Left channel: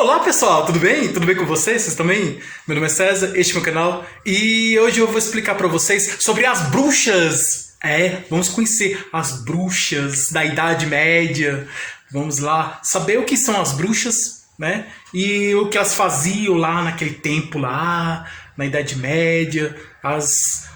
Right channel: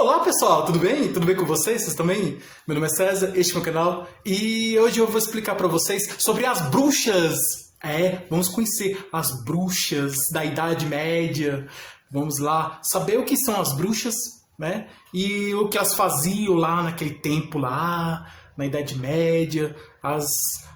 Olá pessoal, tudo bem? Tudo bem com vocês? Vocês também? Meu nome é César, este é meu canal e hoje eu vou explicar para vocês sobre as bruxas. Vamos conhecer as bruxas da Idade Média. Vamos lá saber o que são as bruxas, né? E o que elas faziam lá naquele tempo lá, na Idade Média, as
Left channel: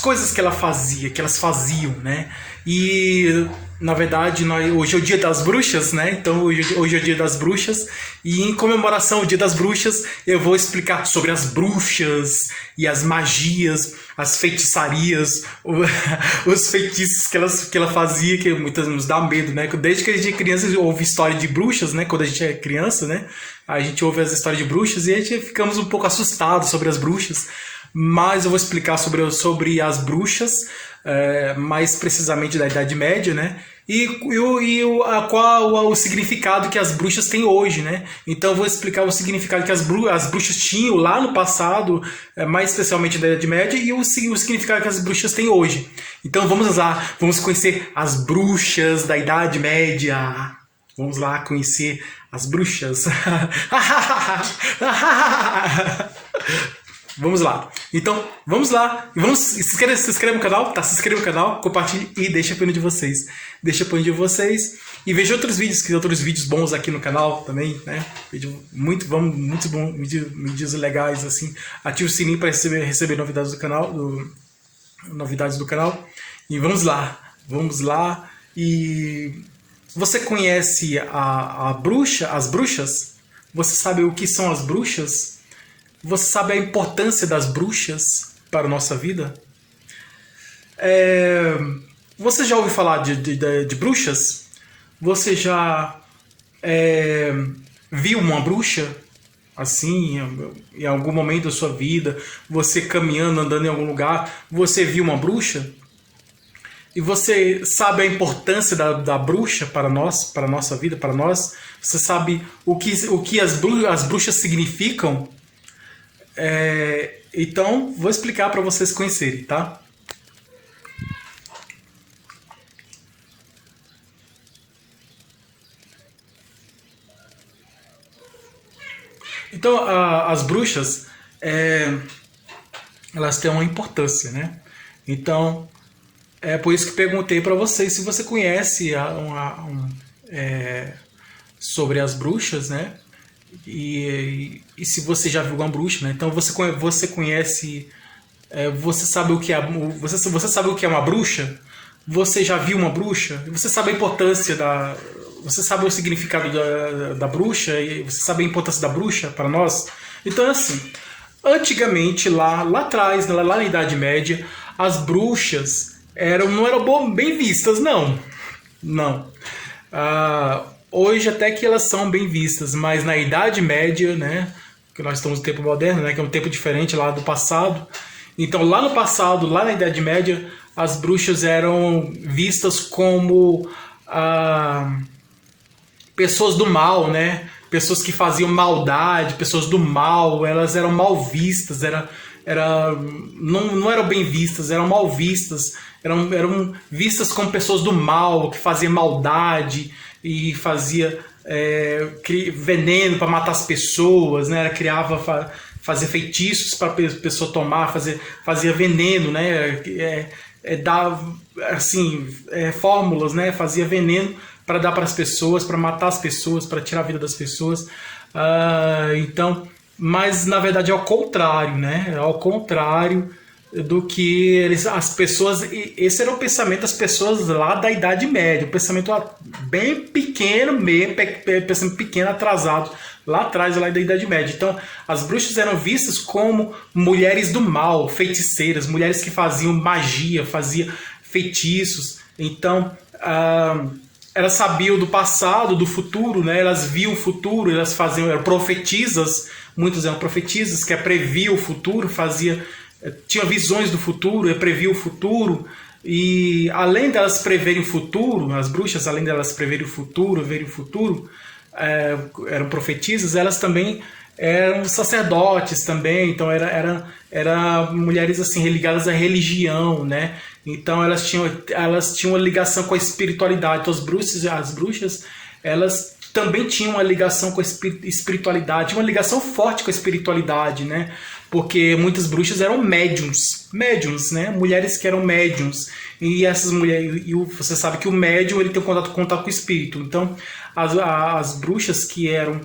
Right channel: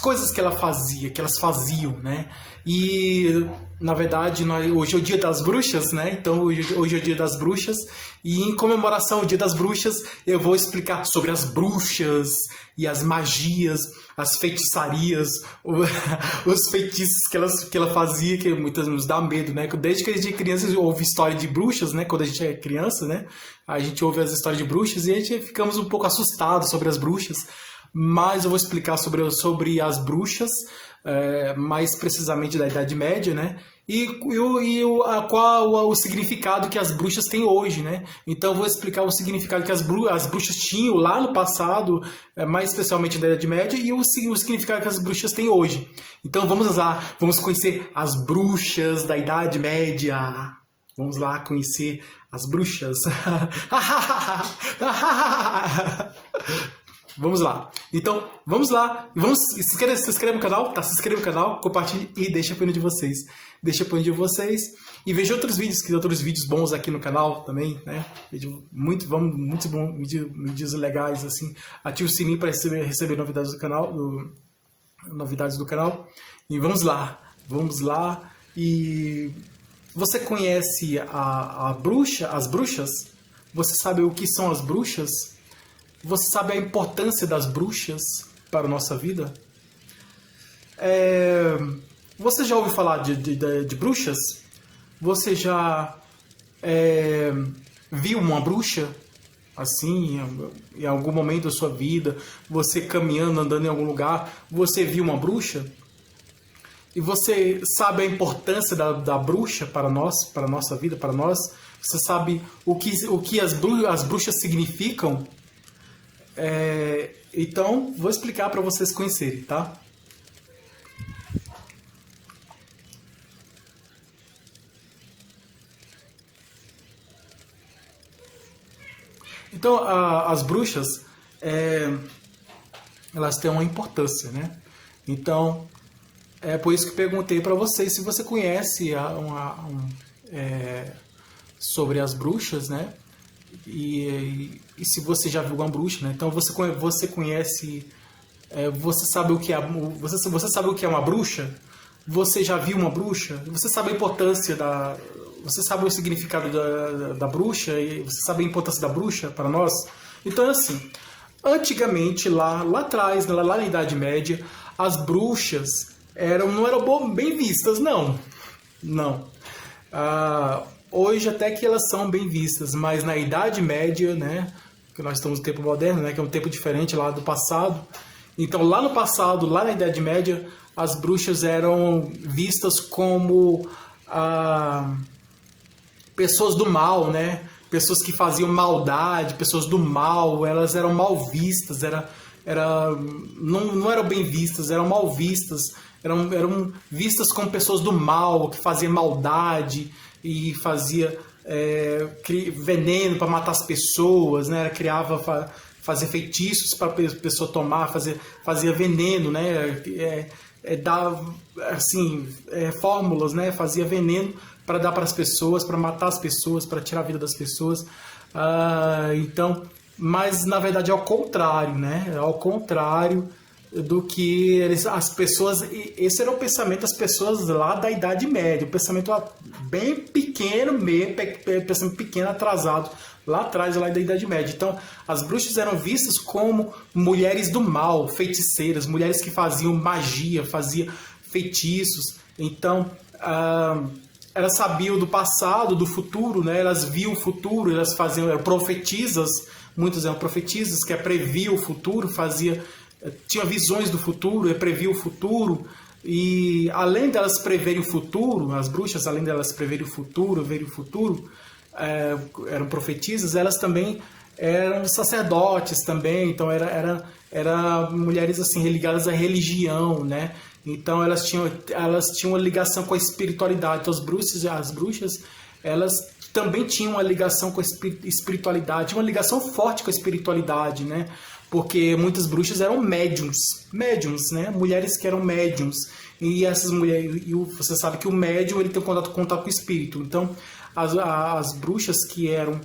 coisas que elas faziam, né? E na verdade hoje é o Dia das Bruxas, né? Então hoje é o Dia das Bruxas e em comemoração ao Dia das Bruxas eu vou explicar sobre as bruxas e as magias, as feitiçarias, os feitiços que ela fazia, que muitas vezes nos dá medo, né? Desde que a gente é criança ouve história de bruxas, né? Quando a gente é criança, né? A gente ouve as histórias de bruxas e a gente ficamos um pouco assustados sobre as bruxas. Mas eu vou explicar sobre as bruxas, mais precisamente da Idade Média, né? Qual o significado que as bruxas têm hoje, né? Então eu vou explicar o significado que as bruxas tinham lá no passado, mais especialmente da Idade Média, e o significado que as bruxas têm hoje. Então vamos lá, vamos conhecer as bruxas da Idade Média. Vamos lá conhecer as bruxas. Vamos lá. Então, vamos lá. Se inscreve no canal, tá? Se inscreve no canal, compartilhe e deixa a opinião de vocês. Deixa a opinião de vocês. E veja outros vídeos, que tem outros vídeos bons aqui no canal também, né? Muitos bons vídeos legais, assim. Ative o sininho para receber novidades do canal. Novidades do canal. E vamos lá. Vamos lá. E você conhece as bruxas? Você sabe o que são as bruxas? Você sabe a importância das bruxas para a nossa vida? Você já ouviu falar de bruxas? Você já viu uma bruxa? Assim, em algum momento da sua vida, você caminhando, andando em algum lugar, você viu uma bruxa? E você sabe a importância da bruxa para nós, para a nossa vida, para nós? Você sabe o que as bruxas significam? Então, vou explicar para vocês conhecerem, tá? Então, as bruxas, elas têm uma importância, né? Então, é por isso que perguntei para vocês se você conhece sobre as bruxas, né? E se você já viu uma bruxa, né? Então você conhece, você sabe o que você sabe o que é uma bruxa? Você já viu uma bruxa? Você sabe a importância você sabe o significado da bruxa e você sabe a importância da bruxa para nós? Então assim, antigamente lá atrás, lá na Idade Média, as bruxas não eram bem vistas, não. Hoje até que elas são bem vistas, mas na Idade Média, né, que nós estamos no tempo moderno, né, que é um tempo diferente lá do passado. Então lá no passado, lá na Idade Média, as bruxas eram vistas como pessoas do mal, né, pessoas que faziam maldade, pessoas do mal. Elas eram mal vistas, não eram bem vistas, eram mal vistas, eram vistas como pessoas do mal, que faziam maldade e fazia veneno para matar as pessoas, né? Fazia feitiços para a pessoa tomar, fazia veneno, né? Dava assim, fórmulas, né? Fazia veneno para dar para as pessoas, para matar as pessoas, para tirar a vida das pessoas. Então, mas na verdade é ao contrário, né? É ao contrário do que as pessoas. Esse era o pensamento das pessoas lá da Idade Média, um pensamento bem pequeno mesmo, pensamento pequeno, atrasado lá atrás, lá da Idade Média. Então as bruxas eram vistas como mulheres do mal, feiticeiras, mulheres que faziam magia, faziam feitiços. Então elas sabiam do passado, do futuro, né? Elas viam o futuro, elas eram profetisas, muitas eram profetisas, que previam o futuro, tinha visões do futuro, previa o futuro. E além delas preverem o futuro, as bruxas, além delas preverem o futuro, eram profetisas, elas também eram sacerdotes também. Então eram mulheres assim ligadas à religião, né? Então elas tinham uma ligação com a espiritualidade. Então as bruxas elas também tinha uma ligação com a espiritualidade, uma ligação forte com a espiritualidade, né? Porque muitas bruxas eram médiums, né? Mulheres que eram médiums. E essas mulheres, e você sabe que o médium ele tem contato com o espírito. Então, as bruxas que eram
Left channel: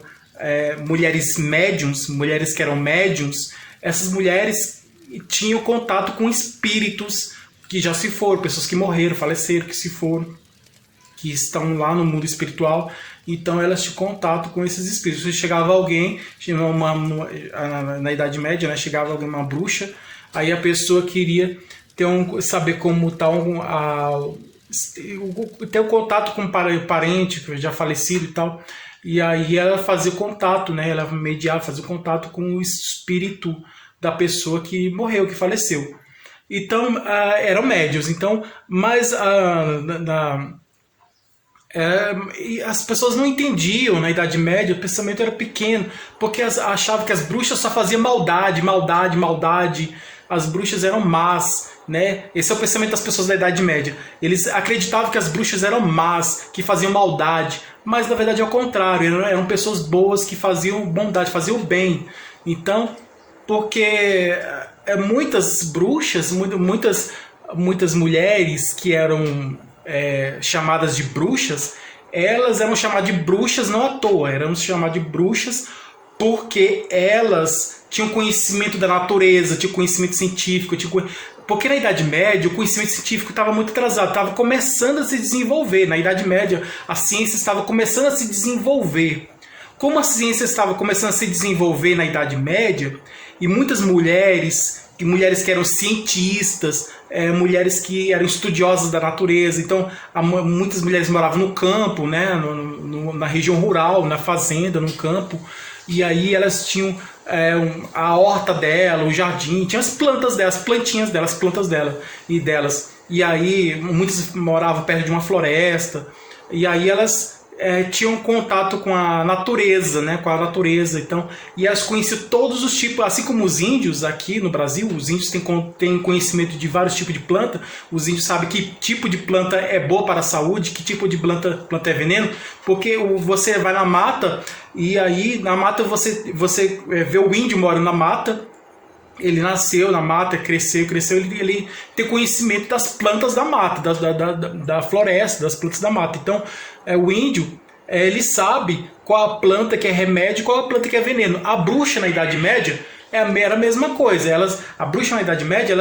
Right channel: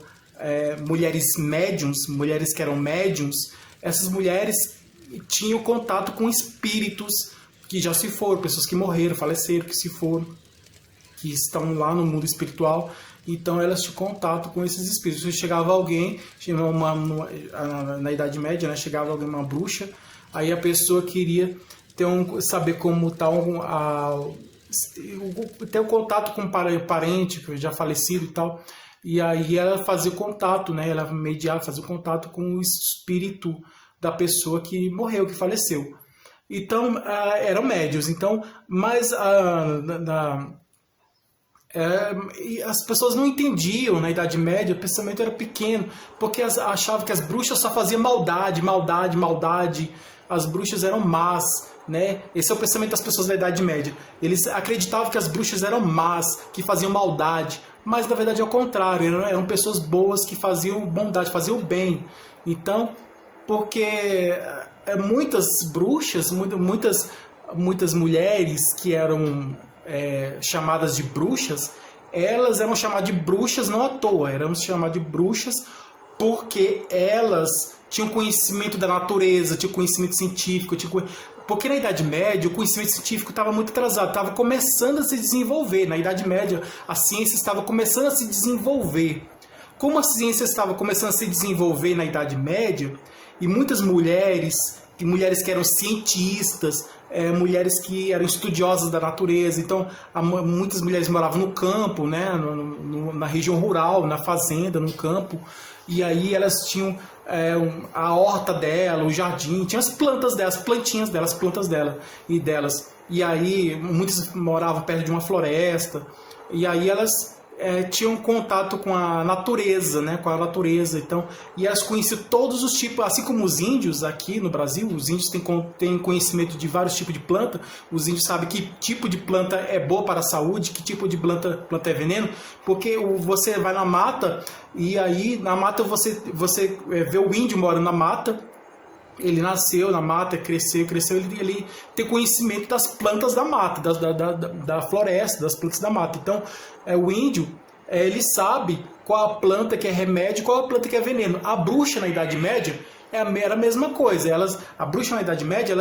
mulheres médiums, mulheres que eram médiums, essas mulheres tinham contato com espíritos que já se foram, pessoas que morreram, faleceram, que se foram, que estão lá no mundo espiritual. Então elas tinham contato com esses espíritos. Se chegava alguém, na Idade Média, né, chegava uma bruxa, aí a pessoa queria saber como está ter um contato com um parente que já falecido e tal. E aí ela fazia contato, né, ela mediava, fazia contato com o espírito da pessoa que morreu, que faleceu. Então eram médios. Então, mas as pessoas não entendiam na Idade Média, o pensamento era pequeno, porque achavam que as bruxas só faziam maldade. As bruxas eram más, né? Esse é o pensamento das pessoas da Idade Média. Eles acreditavam que as bruxas eram más, que faziam maldade, mas na verdade é o contrário, eram pessoas boas que faziam bondade, faziam o bem. Então, porque muitas bruxas, muitas mulheres que eram chamadas de bruxas, elas eram chamadas de bruxas não à toa, eram chamadas de bruxas porque elas tinham conhecimento da natureza, tinham conhecimento científico, porque na Idade Média o conhecimento científico estava muito atrasado, estava começando a se desenvolver. Na Idade Média a ciência estava começando a se desenvolver. Como a ciência estava começando a se desenvolver na Idade Média, e muitas mulheres que eram cientistas, mulheres que eram estudiosas da natureza. Então, muitas mulheres moravam no campo, né, na região rural, na fazenda, no campo. E aí elas tinham a horta dela, o jardim, tinha as plantas delas, as plantinhas delas, as plantas delas. E aí muitas moravam perto de uma floresta. E aí elas tinham contato com a natureza, né? Então, e elas conheciam todos os tipos, assim como os índios aqui no Brasil. Os índios têm conhecimento de vários tipos de planta. Os índios sabem que tipo de planta é boa para a saúde, que tipo de planta é veneno, porque você vai na mata e aí na mata você vê o índio morando na mata. Ele nasceu na mata, cresceu, ele tem conhecimento das plantas da mata, da floresta, das plantas da mata. Então, o índio, ele sabe qual a planta que é remédio e qual a planta que é veneno. A bruxa na Idade Média era a mesma coisa. A bruxa na Idade Média,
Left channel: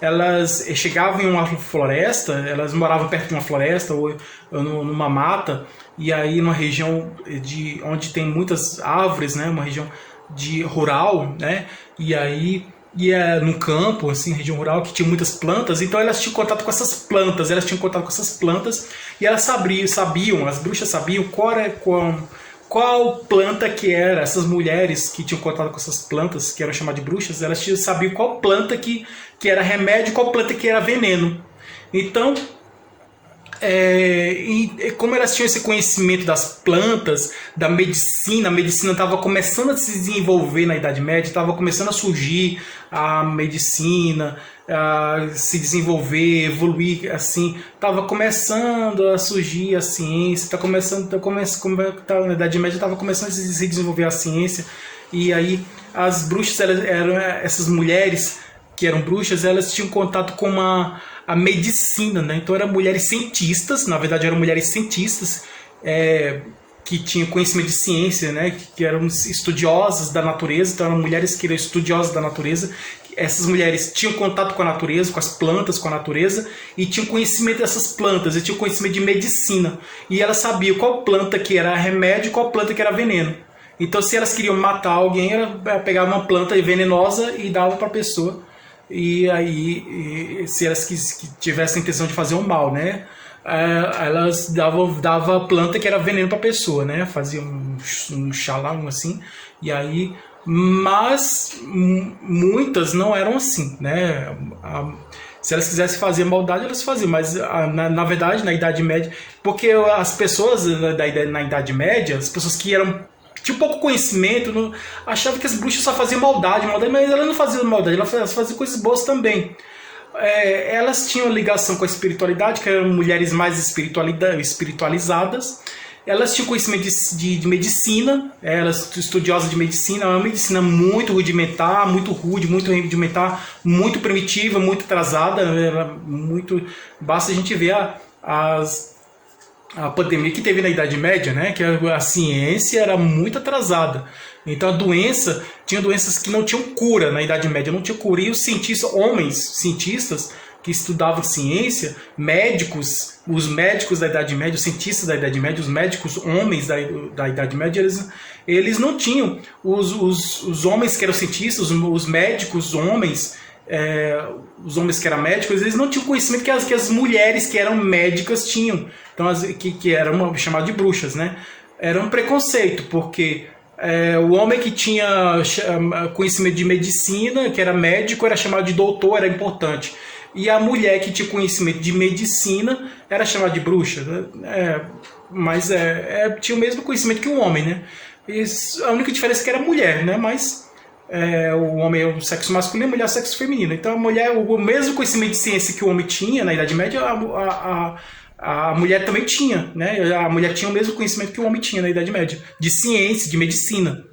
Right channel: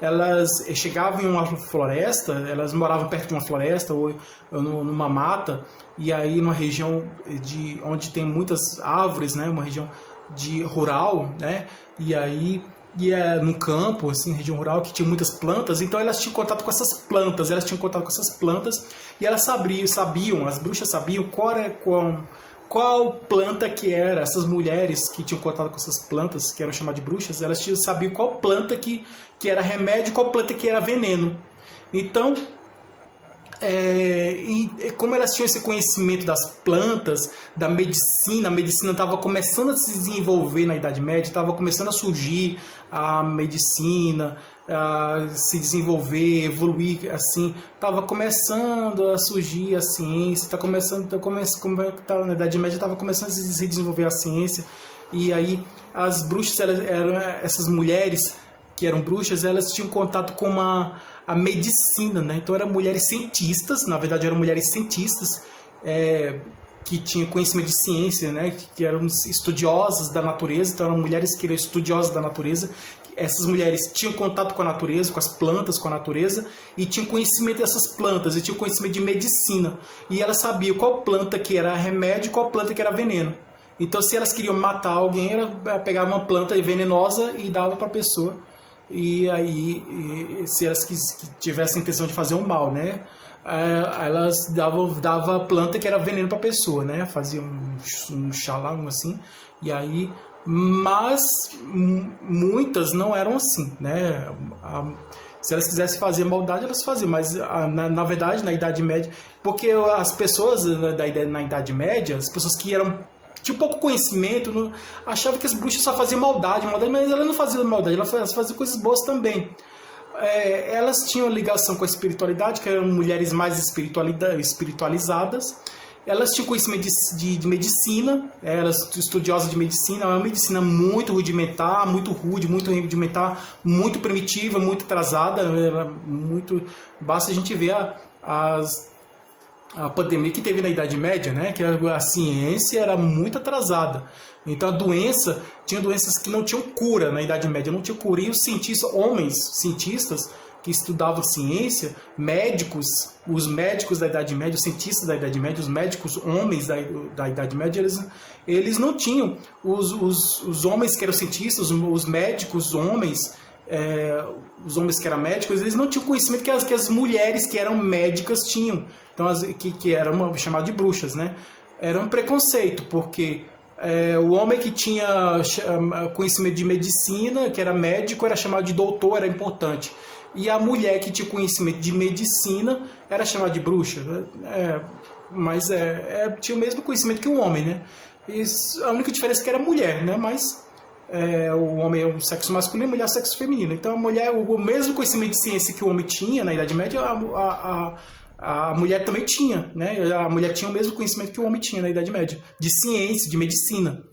elas chegavam em uma floresta, elas moravam perto de uma floresta ou numa mata, e aí numa região onde tem muitas árvores, né, uma região rural, né, e aí no campo, assim, região rural, que tinha muitas plantas. Então elas tinham contato com essas plantas, e elas sabiam, as bruxas sabiam qual planta que era. Essas mulheres que tinham contato com essas plantas, que eram chamadas de bruxas, elas sabiam qual planta que era remédio e qual planta que era veneno. Então, e como elas tinham esse conhecimento das plantas, da medicina, a medicina estava começando a se desenvolver na Idade Média, estava começando a surgir a medicina, a se desenvolver, evoluir, assim, estava começando a surgir a ciência, na Idade Média estava começando a se desenvolver a ciência. E aí as bruxas, essas mulheres que eram bruxas, elas tinham contato com a medicina, né? Então eram mulheres cientistas, na verdade eram mulheres cientistas, que tinham conhecimento de ciência, né? Que eram estudiosas da natureza. Então eram mulheres que eram estudiosas da natureza. Essas mulheres tinham contato com a natureza, com as plantas, com a natureza, e tinham conhecimento dessas plantas, e tinham conhecimento de medicina. E elas sabiam qual planta que era remédio e qual planta que era veneno. Então, se elas queriam matar alguém, ela pegava uma planta venenosa e dava para a pessoa. E aí, se elas tivessem intenção de fazer um mal, né, elas dava planta que era veneno para a pessoa, né, fazia um xalão assim. E aí, mas muitas não eram assim, né. Se elas quisessem fazer maldade, elas faziam, mas na verdade, na Idade Média, porque as pessoas na Idade Média, as pessoas que tinha pouco conhecimento, achava que as bruxas só faziam maldade, mas elas não faziam maldade, elas faziam coisas boas também. Elas tinham ligação com a espiritualidade, que eram mulheres mais espiritualizadas. elas tinham conhecimento de medicina, elas estudiosas de medicina, uma medicina muito rudimentar, muito rude, muito rudimentar, muito primitiva, muito atrasada, muito... Basta a gente ver a pandemia que teve na Idade Média, né? Que a ciência era muito atrasada. Então a doença, tinha doenças que não tinham cura na Idade Média, não tinha cura. E os cientistas, homens cientistas que estudavam ciência, médicos, os médicos da Idade Média, os cientistas da Idade Média, os médicos homens da Idade Média, eles não tinham. Os homens que eram cientistas, os médicos homens, os homens que eram médicos, eles não tinham conhecimento que as mulheres que eram médicas tinham. Então, que eram chamadas de bruxas, né? Era um preconceito, porque o homem que tinha conhecimento de medicina, que era médico, era chamado de doutor, era importante. E a mulher que tinha conhecimento de medicina era chamada de bruxa. Mas tinha o mesmo conhecimento que o homem, né? A única diferença é que era mulher, né? Mas o homem é o sexo masculino e a mulher é o sexo feminino. Então a mulher, o mesmo conhecimento de ciência que o homem tinha na Idade Média, a mulher também tinha, né? A mulher tinha o mesmo conhecimento que o homem tinha na Idade Média, de ciência, de medicina.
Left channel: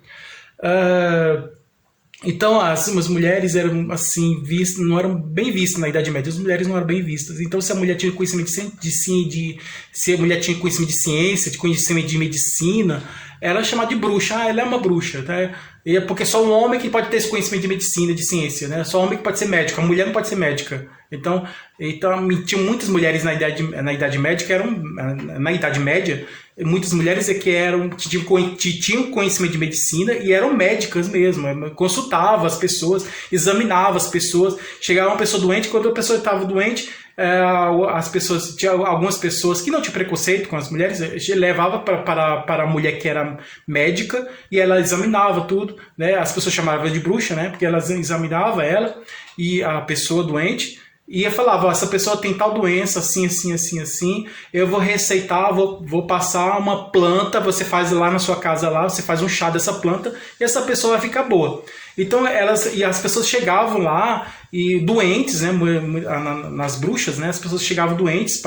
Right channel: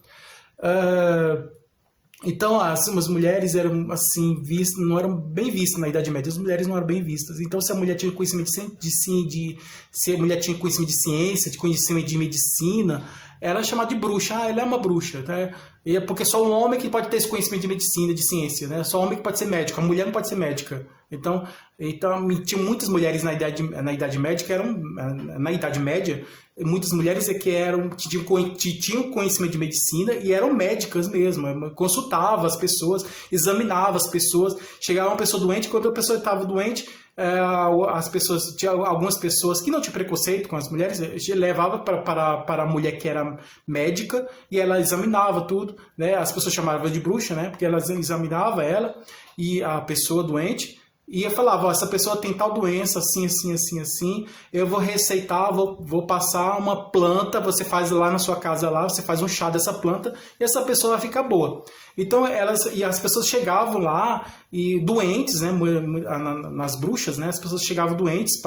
Então as mulheres eram assim vistas, não eram bem vistas na Idade Média. As mulheres não eram bem vistas. Então se a mulher tinha conhecimento se a mulher tinha conhecimento de ciência, de conhecimento de medicina, ela é chamada de bruxa. Ela é uma bruxa, tá? E é porque só um homem que pode ter esse conhecimento de medicina, de ciência, né? Só um homem que pode ser médico. A mulher não pode ser médica. Então tinha muitas mulheres na Idade Média que eram na Idade Média, muitas mulheres que tinham conhecimento de medicina e eram médicas mesmo, consultavam as pessoas, examinavam as pessoas, chegava uma pessoa doente, quando a pessoa estava doente, tinha algumas pessoas que não tinham preconceito com as mulheres, levava para a mulher que era médica e ela examinava tudo, né? As pessoas chamavam de bruxa, né? Porque elas examinavam ela e a pessoa doente. E eu falava, essa pessoa tem tal doença, assim, assim, assim, assim, eu vou receitar, vou passar uma planta, você faz lá na sua casa, lá, você faz um chá dessa planta e essa pessoa vai ficar boa. Então as pessoas chegavam lá e doentes, né, nas bruxas, né, as pessoas chegavam doentes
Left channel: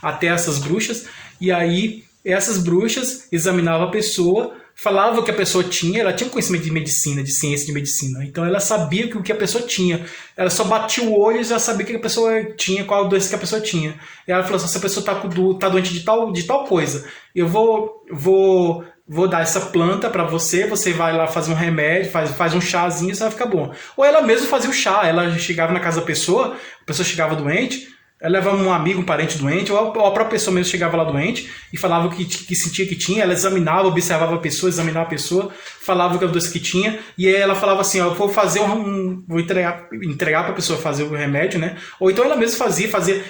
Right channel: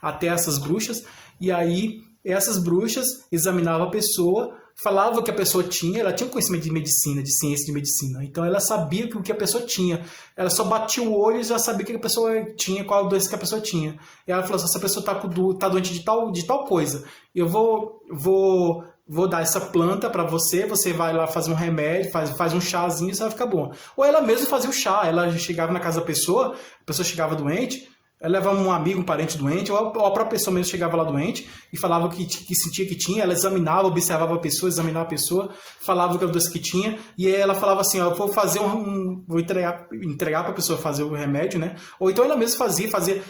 até essas bruxas, e aí essas bruxas examinavam a pessoa, falava o que a pessoa tinha, ela tinha conhecimento de medicina, de ciência de medicina, então ela sabia o que a pessoa tinha, ela só batia o olho e já sabia o que a pessoa tinha, qual a doença que a pessoa tinha. E ela falou assim, essa pessoa tá doente de tal coisa, eu vou dar essa planta para você vai lá fazer um remédio, faz um chazinho e você vai ficar bom. Ou ela mesma fazia o chá, ela chegava na casa da pessoa, a pessoa chegava doente, ela levava um amigo, um parente doente, ou a própria pessoa mesmo chegava lá doente e falava que sentia que tinha, ela examinava, observava a pessoa, examinava a pessoa, falava que a doença que tinha, e aí ela falava assim, ó, vou fazer vou entregar para a pessoa fazer o remédio, né? Ou então ela mesma fazia,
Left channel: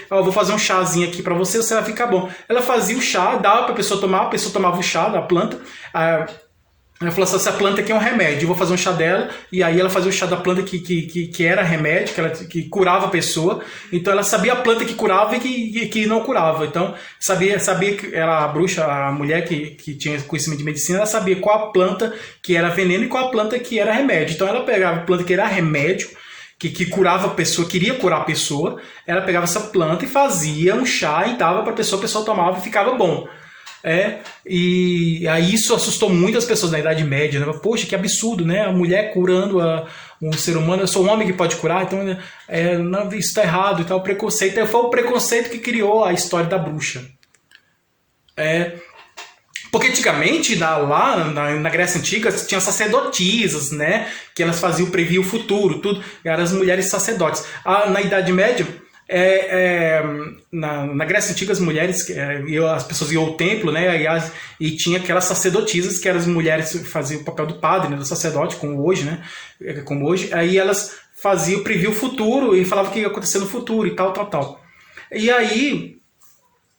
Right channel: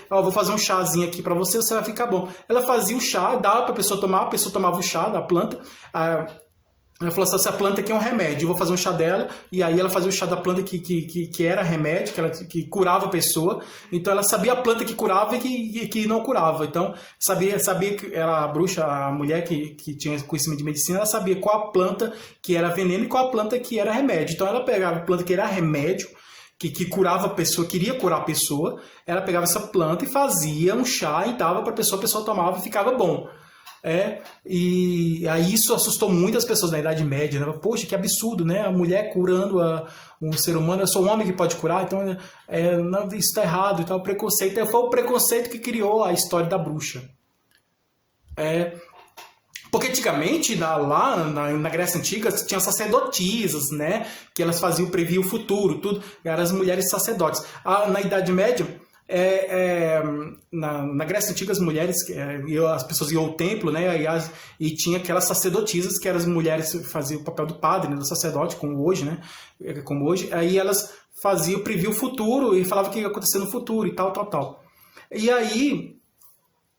ó, vou fazer um chazinho aqui para você, você vai ficar bom. Ela fazia o chá, dava para a pessoa tomar, a pessoa tomava o chá da planta, ela falou assim, essa planta aqui é um remédio, eu vou fazer um chá dela, e aí ela fazia o chá da planta que era remédio, que curava a pessoa, então ela sabia a planta que curava e que não curava, então sabia que a bruxa, a mulher que tinha conhecimento de medicina, ela sabia qual a planta que era veneno e qual a planta que era remédio, então ela pegava a planta que era remédio, que curava a pessoa, queria curar a pessoa, ela pegava essa planta e fazia um chá e dava para a pessoa tomava e ficava bom. E aí isso assustou muitas pessoas na Idade Média, né? Poxa, que absurdo, né? A mulher curando um ser humano, eu sou um homem que pode curar, então não, isso está errado e tal, preconceito. Foi o preconceito que criou a história da bruxa. Porque antigamente, lá na Grécia Antiga, tinha sacerdotisas, né? Que elas previam o futuro, tudo. Eram as mulheres sacerdotes. Na Idade Média, na Grécia Antiga, as mulheres, as pessoas iam ao templo, né? E tinha aquelas sacerdotisas, que eram as mulheres que faziam o papel do padre, né, do sacerdote, como hoje, né? Como hoje. Aí elas previam o futuro e falavam o que ia acontecer no futuro e tal, tal, tal. E aí...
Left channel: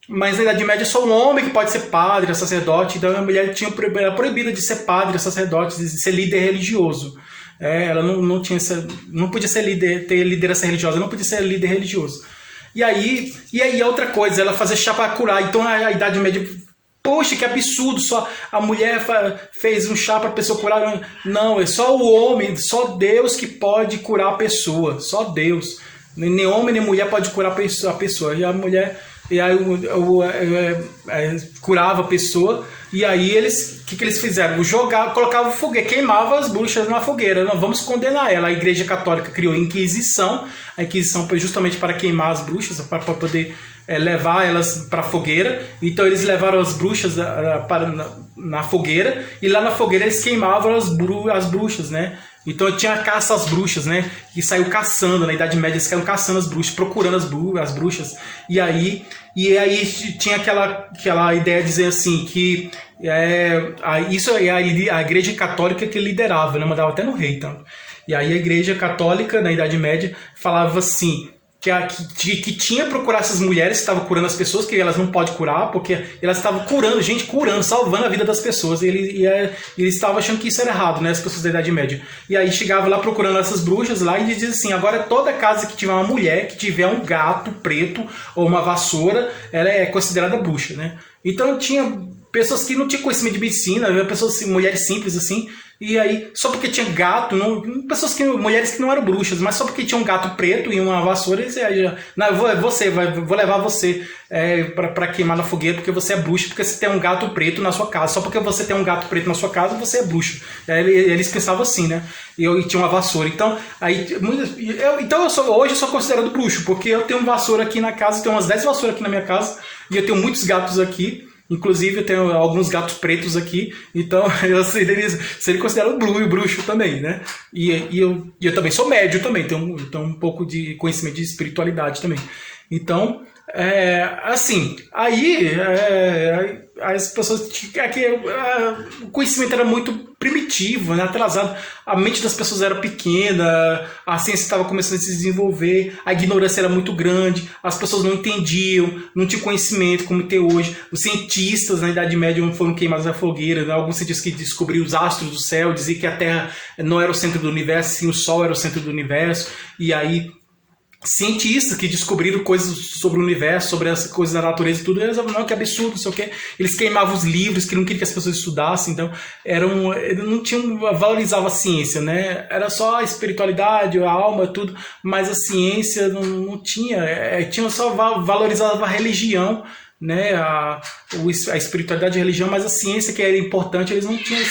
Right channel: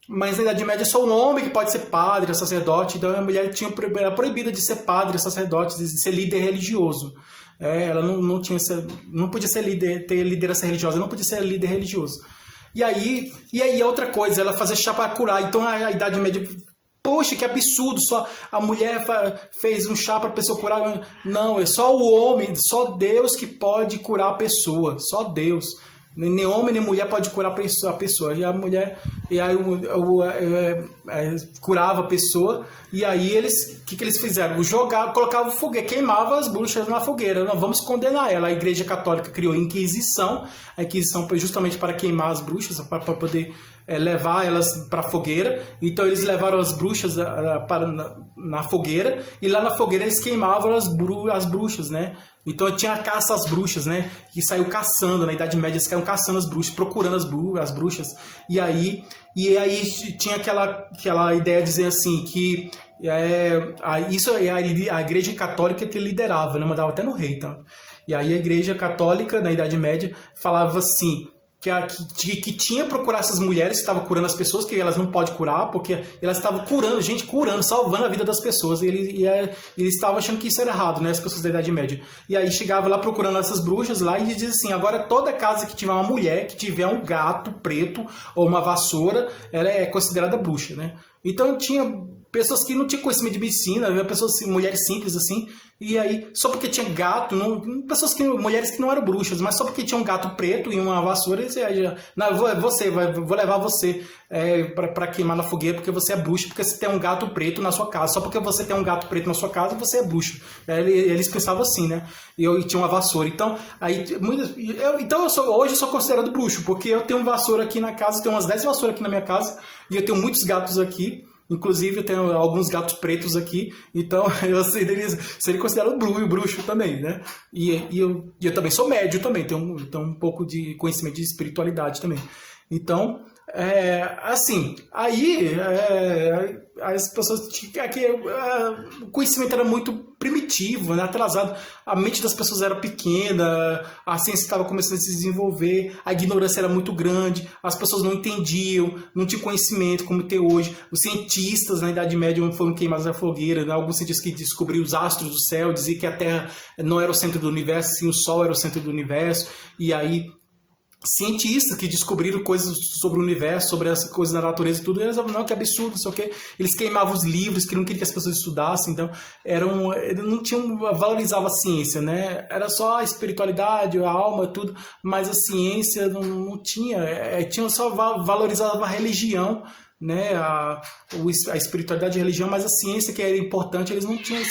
Mas na Idade Média só um homem que pode ser padre, sacerdote, então a mulher era proibida de ser padre, sacerdote, de ser líder religioso. Ela não podia ser ter liderança religiosa, não podia ser líder religioso. E aí outra coisa, ela fazer chá para curar. Então a Idade Média, poxa, que absurdo, só a mulher fez um chá para a pessoa curar. Não, é só o homem, só Deus que pode curar a pessoa, só Deus. Nem homem nem mulher pode curar a pessoa. E a mulher curava a pessoa. E aí o que eles fizeram? Colocavam fogueira, queimavam as bruxas na fogueira. Não, vamos condenar ela. A Igreja Católica criou a Inquisição. A Inquisição foi justamente para queimar as bruxas, para poder levar elas para a fogueira. Então eles levaram as bruxas na fogueira, e lá na fogueira eles queimavam as bruxas, né? Então tinha a caça às bruxas, né? Que saiu caçando, na Idade Média eles caíam caçando as bruxas, procurando as bruxas. E aí tinha aquela ideia de dizer assim, que isso é a Igreja Católica que liderava, né? Mandava até no rei, então. E aí a Igreja Católica, na Idade Média, falava assim, que tinha que procurar essas mulheres que estavam curando as pessoas, que elas não podem curar, porque elas estavam curando, salvando a vida das pessoas, e eles estavam achando que isso era errado, né, as pessoas da Idade Média. E aí chegava lá procurando essas bruxas lá e dizia assim, agora toda casa que tiver uma mulher, que tiver um gato preto ou uma vassoura, ela é considerada bruxa, né. Então tinha pessoas que não tinham conhecimento de medicina, pessoas, mulheres simples assim, e aí, só porque tinha gato, mulheres que não eram bruxas, mas só porque tinha um gato preto e uma vassoura, eles vou levar você para queimar na fogueira porque você é bruxa, porque você tem um gato preto na sua casa. Só porque você tem um gato preto na sua casa, você é bruxa. Eles pensavam assim, né? E tinha uma vassoura. Então, hoje eu sou considerado bruxo, porque eu tenho uma vassoura aqui na casa, eu tenho umas 10 vassouras aqui na minha casa, e eu tenho muitos gatos aqui. Inclusive, eu tenho alguns gatos pretos aqui, então eu seria considerado bruxo também, né? E eu também sou médio também, tenho um pouco de conhecimento de espiritualidade também. Então, assim, aí as pessoas... o conhecimento era muito primitivo, né, atrasado, a mente das pessoas era pequena, a ciência estava começando a se desenvolver, a ignorância era muito grande, as pessoas não entendiam, não tinham conhecimento como tem hoje. Os cientistas na Idade Média foram queimados na fogueira, né? Alguns cientistas que descobriram os astros do céu, diziam que a Terra não era o centro do universo, sim, o Sol era o centro do universo, e aí cientistas que descobriram coisas sobre o universo, sobre essa coisa da natureza e tudo, eles falavam, não, que absurdo, não sei o quê. Eles queimavam os livros, que não queriam que as pessoas estudassem, então valorizavam a ciência, né? Era só a espiritualidade, a alma, tudo, mas a ciência não tinha, só valorizava a religião, né? A espiritualidade e a religião, mas a ciência, que era importante, eles não tinham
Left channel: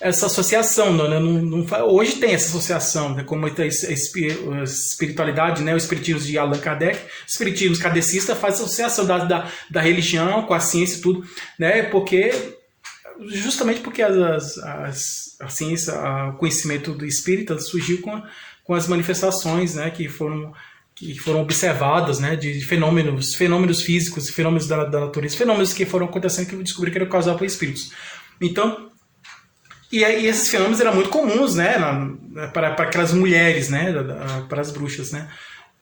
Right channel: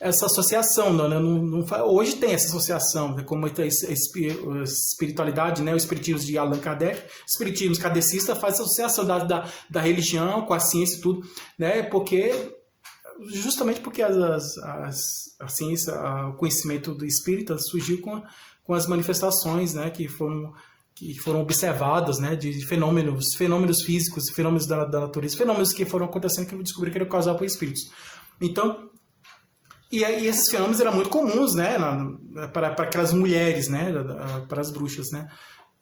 essa associação, né? Hoje tem essa associação, né? Como a espiritualidade, né? O espiritismo de Allan Kardec, o espiritismo kardecista faz associação da religião com a ciência e tudo, né? Justamente porque a ciência, o conhecimento do espírita surgiu com as manifestações, né? Que foram observadas, né, de fenômenos físicos, fenômenos da natureza, fenômenos que foram acontecendo que eu descobri que eram causados por espíritos. Então, e esses fenômenos eram muito comuns, né, para aquelas mulheres, né, para as bruxas, né,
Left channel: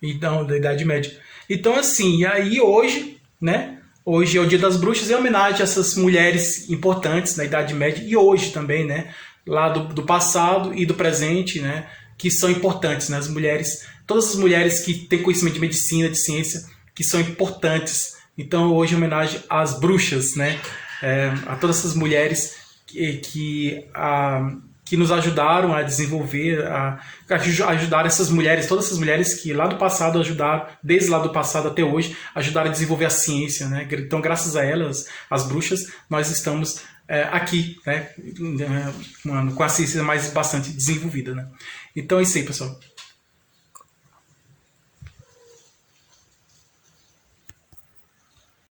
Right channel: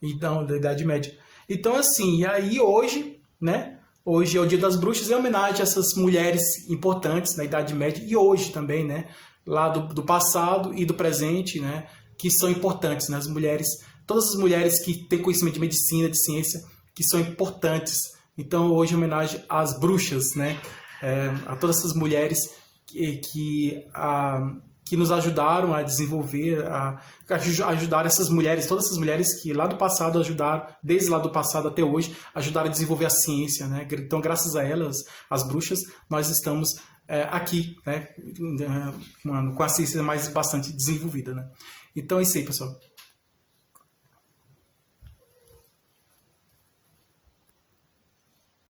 então, da Idade Média. Então, assim, e aí hoje, né, hoje é o Dia das Bruxas, em homenagem a essas mulheres importantes da Idade Média, e hoje também, né, lá do passado e do presente, né, que são importantes, né, as mulheres, todas as mulheres que têm conhecimento de medicina, de ciência, que são importantes. Então, hoje é homenagem às bruxas, né, a todas essas mulheres que nos ajudaram a desenvolver, a ajudar essas mulheres, todas essas mulheres que lá do passado ajudaram, desde lá do passado até hoje, ajudaram a desenvolver a ciência, né? Então, graças a elas, as bruxas, nós estamos aqui, né? Com a ciência mais bastante desenvolvida, né? Então é isso aí, pessoal.